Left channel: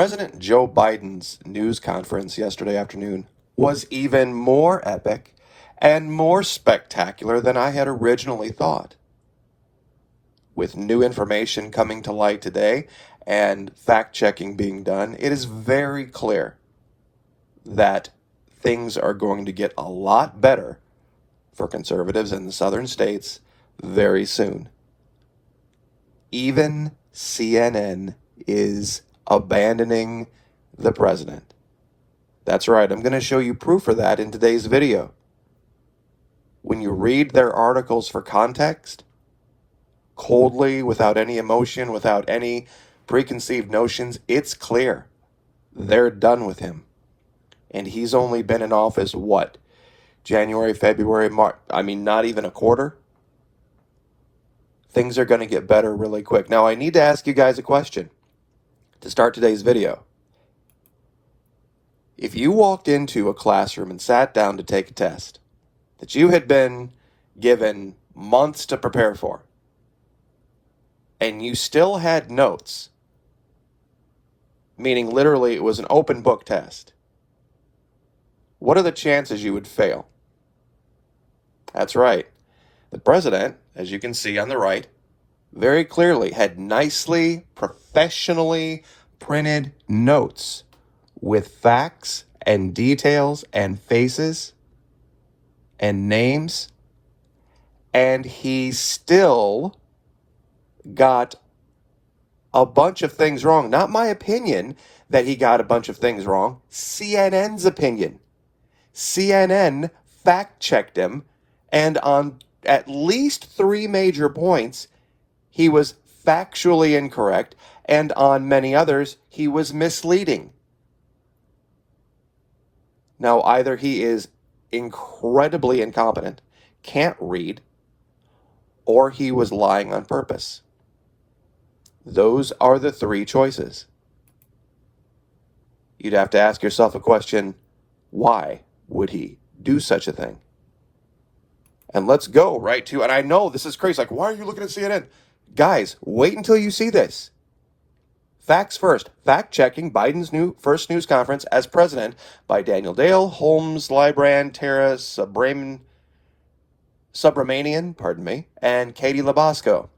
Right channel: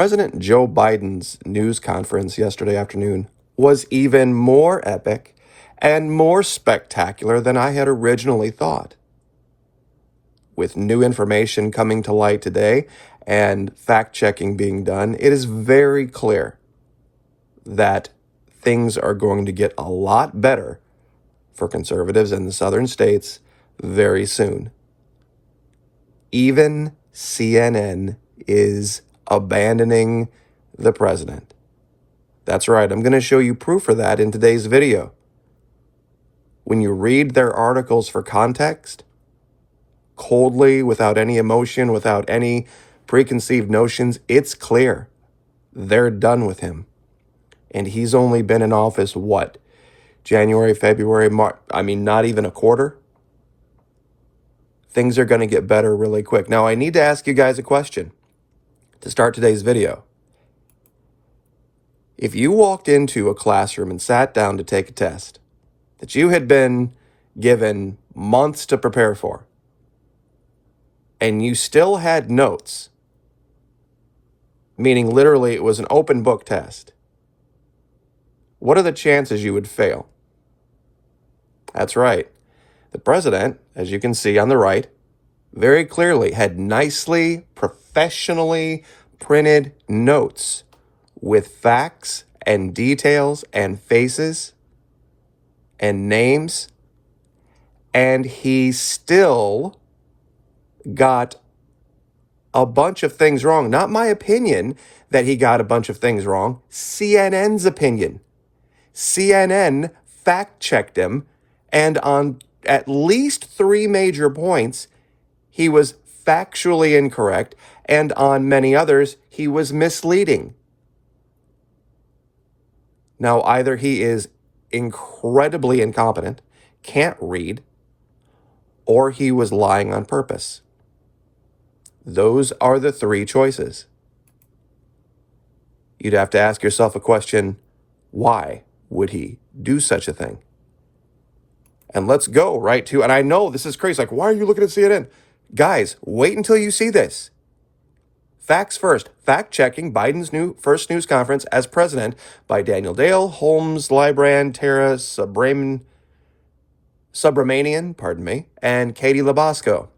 President Joe Biden's news conference yesterday afternoon was even more epic and more spectacular than I had originally thought. With new information coming to light today and fact-checking being done, it is very clear that things are going to get a lot better for conservatives in the southern states very soon. Even CNN is abandoning the president. That's right, I'm going to show you proof of that in today's video. When you read their articles for context, coldly, without any emotion, without any preconceived notions, it's clear they're done with him. And he's only been in office, what? January, February, March, not even a quarter? Things are going to get better really quick. Now, I need to ask you guys a question to start today's video. If you walked into a classroom and sat down to take a test that you had been given months to prepare for, and you still had notes, meaning literally it was an open book test, what are the chances you would fail? That's right. The president, as you can see on the right, very clearly had nicely, professionally printed notes with facts and details and faces and names, and he still got a bunch of things wrong. Not my opinion that he got a bunch of things wrong. CNN's opinion. CNN fact-checked him, and on at least 3 major points, he was factually incorrect, and on many others, he was misleading. Now, either he is incredibly incompetent, can't read, or he was lying on purpose. Those are the 3 choices. You'd have to ask yourself a question, why would he do such a thing? And let's go right to, and I know this is crazy, like, why are you looking at CNN? Guys, wait until you see this. Facts first. Fact-checking Biden's first news conference as president by Daniel Dale, Holmes, Librand, Tara Subramanian, and Katie Labasco.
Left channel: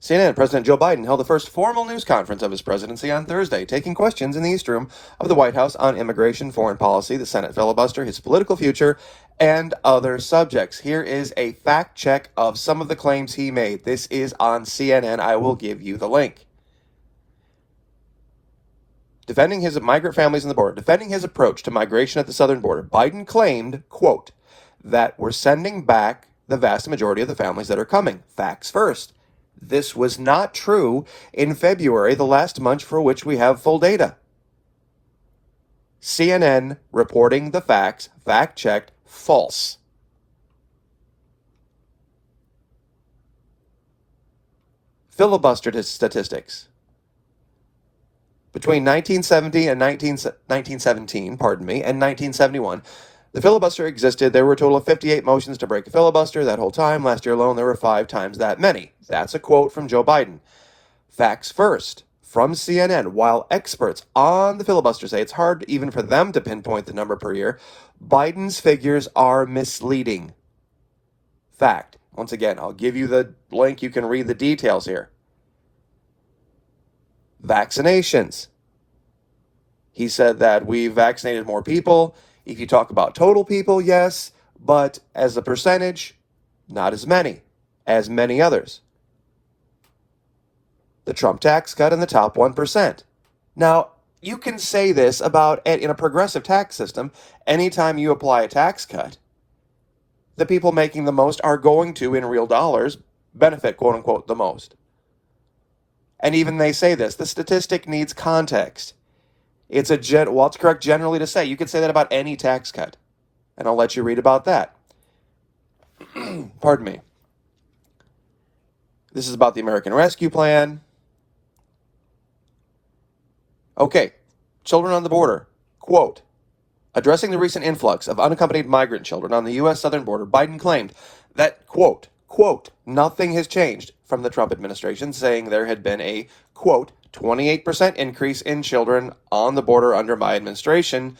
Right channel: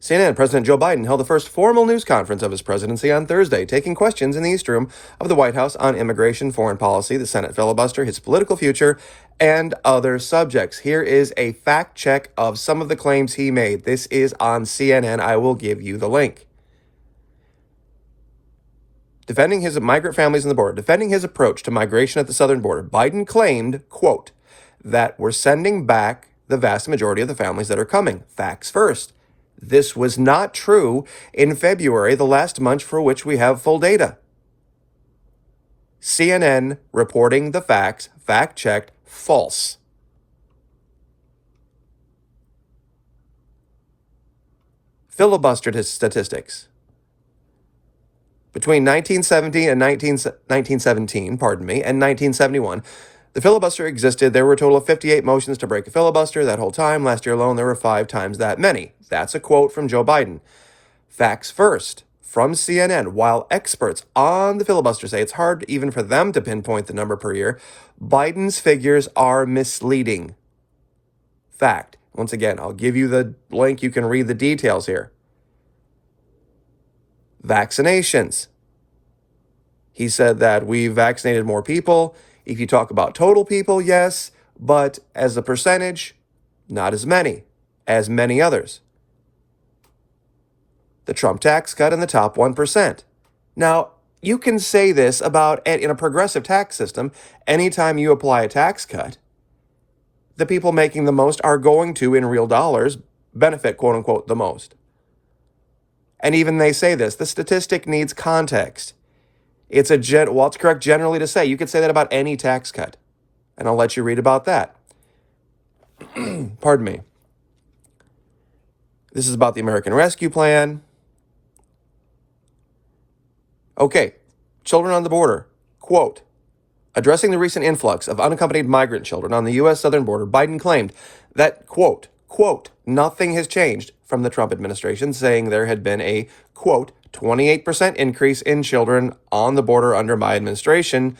CNN President Joe Biden held the first formal news conference of his presidency on Thursday, taking questions in the East Room of the White House on immigration, foreign policy, the Senate filibuster, his political future, and other subjects. Here is a fact check of some of the claims he made. This is on CNN. I will give you the link. Defending his migrant families on the border, defending his approach to migration at the southern border, Biden claimed, quote, that we're sending back the vast majority of the families that are coming. Facts first. This was not true in February, the last month for which we have full data. CNN reporting the facts, fact-checked, false. Filibuster statistics. Between 1970 and 1917, and 1971, the filibuster existed. There were a total of 58 motions to break a filibuster that whole time. Last year alone, there were 5 times that many. That's a quote from Joe Biden. Facts first, from CNN. While experts on the filibuster say it's hard even for them to pinpoint the number per year, Biden's figures are misleading. Fact. Once again, I'll give you the link. You can read the details here. Vaccinations. He said that we vaccinated more people. If you talk about total people, yes, but as a percentage, not as many others. The Trump tax cut in the top 1%. Now, you can say this about, in a progressive tax system, anytime you apply a tax cut, the people making the most are going to, in real dollars, benefit, quote unquote, the most. And even they say this, the statistic needs context. It's it's correct generally to say. You could say that about any tax cut. And I'll let you read about that. Pardon me. This is about the American Rescue Plan. Okay, children on the border. Quote, addressing the recent influx of unaccompanied migrant children on the U.S. southern border, Biden claimed that, quote, nothing has changed from the Trump administration, saying there had been a, quote, 28% increase in children on the border under my administration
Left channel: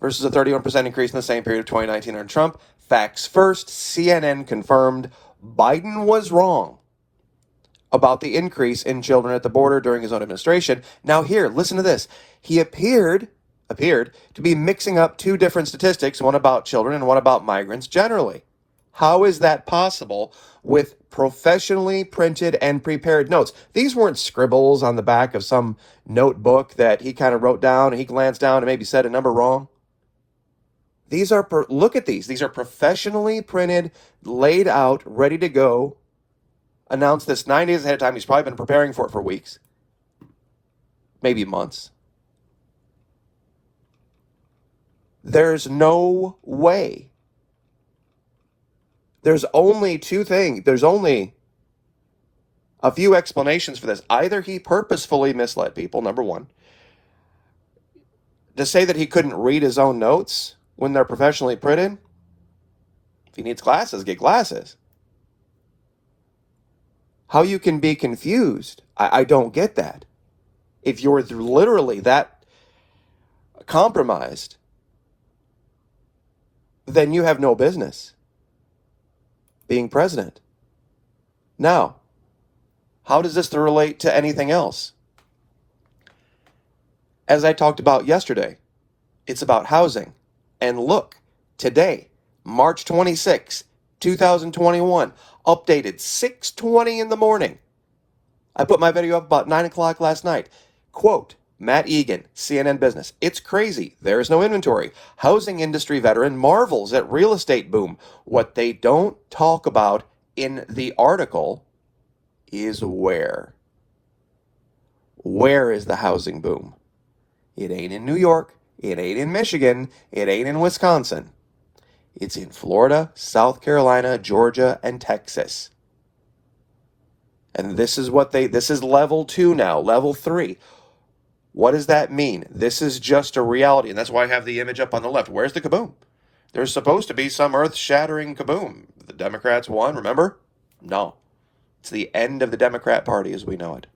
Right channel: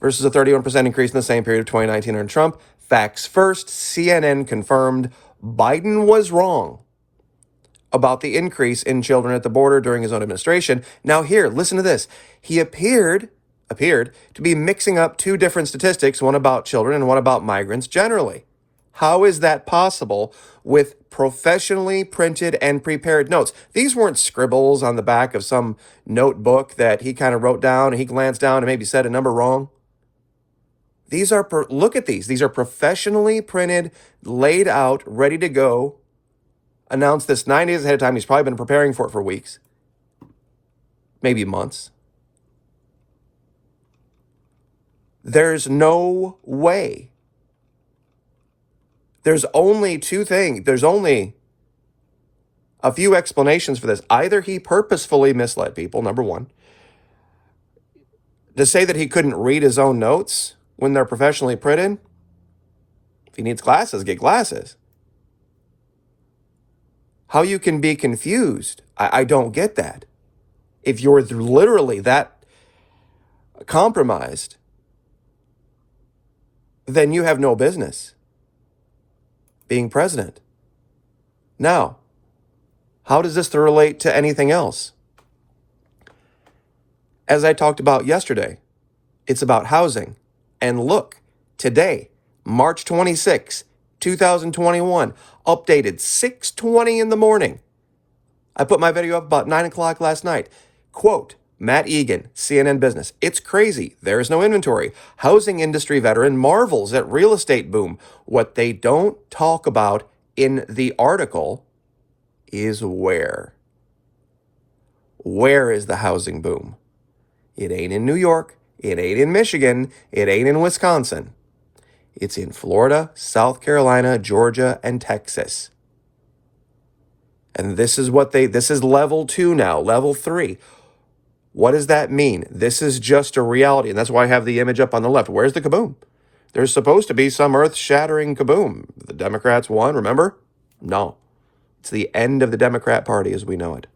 versus a 31% increase in the same period of 2019 under Trump. Facts first, CNN confirmed Biden was wrong about the increase in children at the border during his own administration. Now here, listen to this. He appeared to be mixing up two different statistics, one about children and one about migrants generally. How is that possible with professionally printed and prepared notes? These weren't scribbles on the back of some notebook that he kind of wrote down and he glanced down and maybe said a number wrong. These are, look at these. These are professionally printed, laid out, ready to go. Announced this 9 days ahead of time. He's probably been preparing for it for weeks, maybe months. There's no way. There's only two things. There's only a few explanations for this. Either he purposefully misled people, number one. To say that he couldn't read his own notes when they're professionally printed, if he needs glasses, get glasses. How you can be confused, I don't get that. If you're literally that compromised, then you have no business being president. Now, how does this relate to anything else? As I talked about yesterday, it's about housing. And look, today, March 26, 2021, updated 6:20 in the morning. I put my video up about 9 o'clock last night. Quote, Matt Egan, CNN Business. It's crazy. There's no inventory. Housing industry veteran marvels at real estate boom. What they don't talk about in the article is where. Where is the housing boom? It ain't in New York. It ain't in Michigan. It ain't in Wisconsin. It's in Florida, South Carolina, Georgia, and Texas. And this is level 2 now, level 3. What does that mean? This is just a reality, and that's why I have the image up on the left. Where's the kaboom? There's supposed to be some earth-shattering kaboom. The Democrats won, remember? No. It's the end of the Democrat Party as we know it.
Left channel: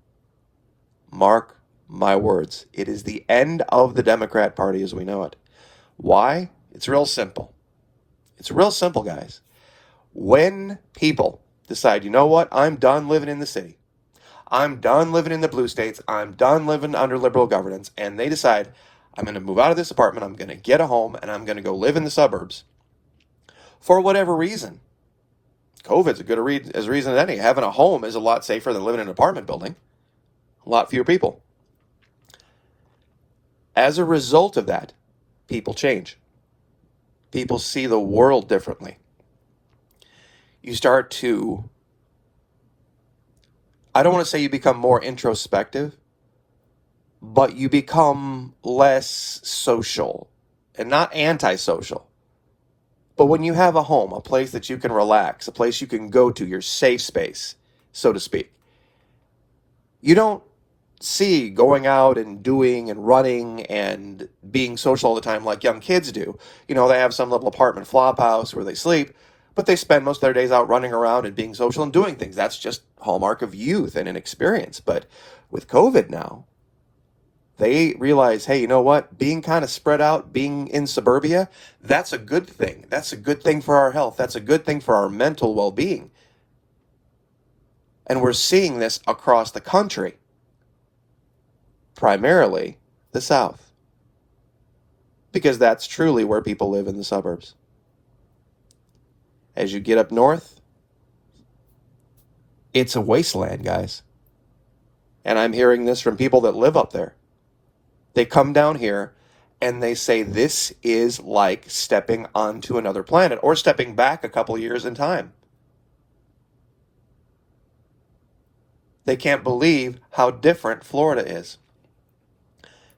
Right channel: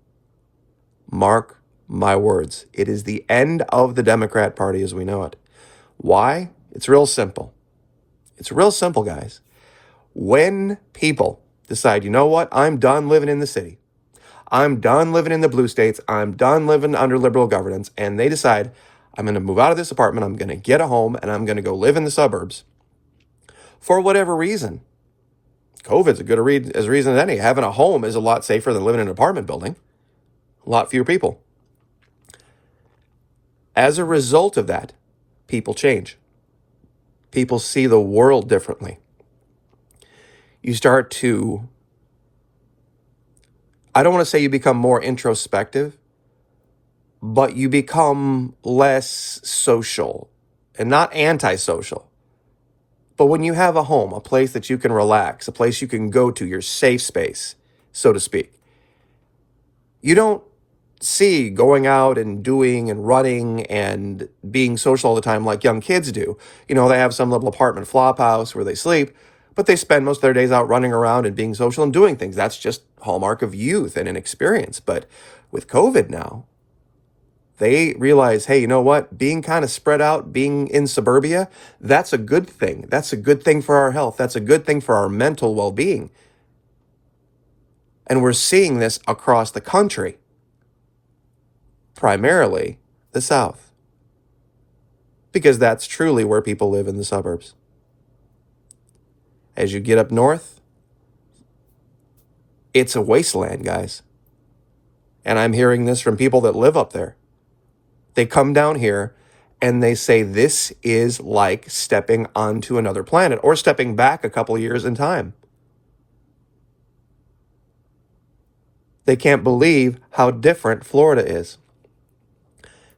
Mark my words. It is the end of the Democrat Party as we know it. Why? It's real simple. It's real simple, guys. When people decide, you know what, I'm done living in the city. I'm done living in the blue states. I'm done living under liberal governance. And they decide, I'm going to move out of this apartment. I'm going to get a home and I'm going to go live in the suburbs. For whatever reason. COVID's a good reason as any. Having a home is a lot safer than living in an apartment building. A lot fewer people. As a result of that, people change. People see the world differently. You start to, I don't want to say you become more introspective, but you become less social and not antisocial. But when you have a home, a place that you can relax, a place you can go to, your safe space, so to speak, you don't see going out and doing and running and being social all the time like young kids do. You know, they have some little apartment flop house where they sleep, but they spend most of their days out running around and being social and doing things. That's just hallmark of youth and inexperience. But with COVID now, they realize, hey, you know what? Being kind of spread out, being in suburbia, that's a good thing. That's a good thing for our health. That's a good thing for our mental well-being. And we're seeing this across the country. Primarily the South. Because that's truly where people live in the suburbs. As you get up north, it's a wasteland, guys. And I'm hearing this from people that live up there. They come down here and they say this is like stepping onto another planet or stepping back a couple of years in time. They can't believe how different Florida is.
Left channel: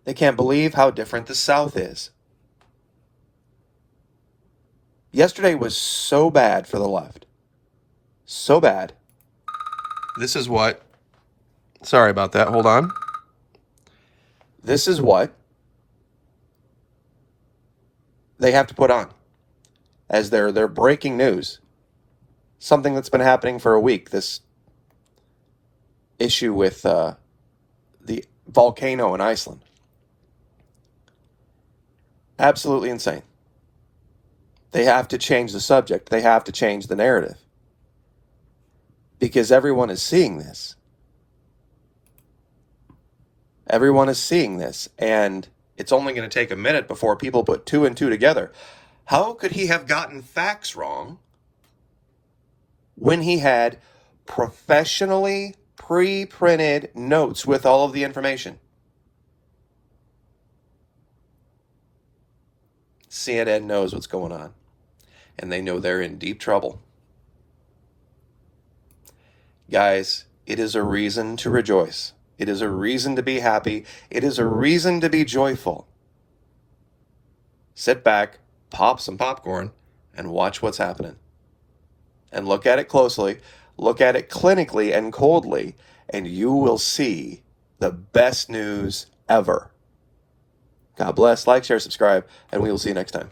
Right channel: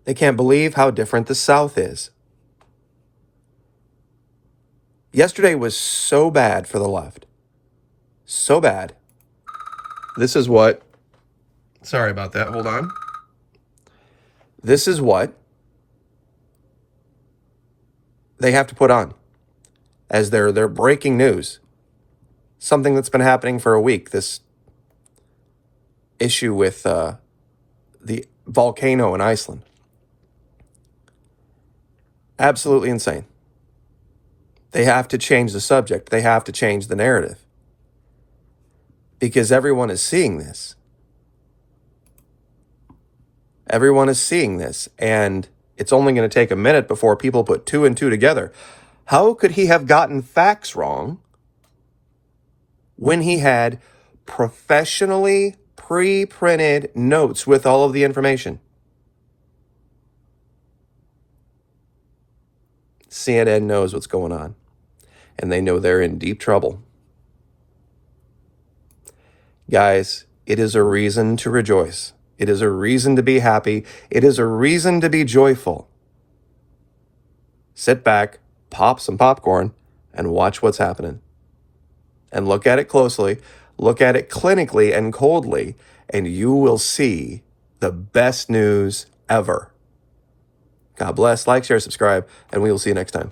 They can't believe how different the South is. Yesterday was so bad for the left. So bad. This is what, sorry about that, hold on. This is what they have to put on as their breaking news. Something that's been happening for a week. This issue with the volcano in Iceland. Absolutely insane. They have to change the subject. They have to change the narrative. Because everyone is seeing this. Everyone is seeing this. And it's only going to take a minute before people put two and two together. How could he have gotten facts wrong when he had professionally pre-printed notes with all of the information? CNN knows what's going on, and they know they're in deep trouble. Guys, it is a reason to rejoice. It is a reason to be happy. It is a reason to be joyful. Sit back, pop some popcorn, and watch what's happening. And look at it closely, look at it clinically and coldly, and you will see the best news ever. God bless, like, share, subscribe, and we will see you next time.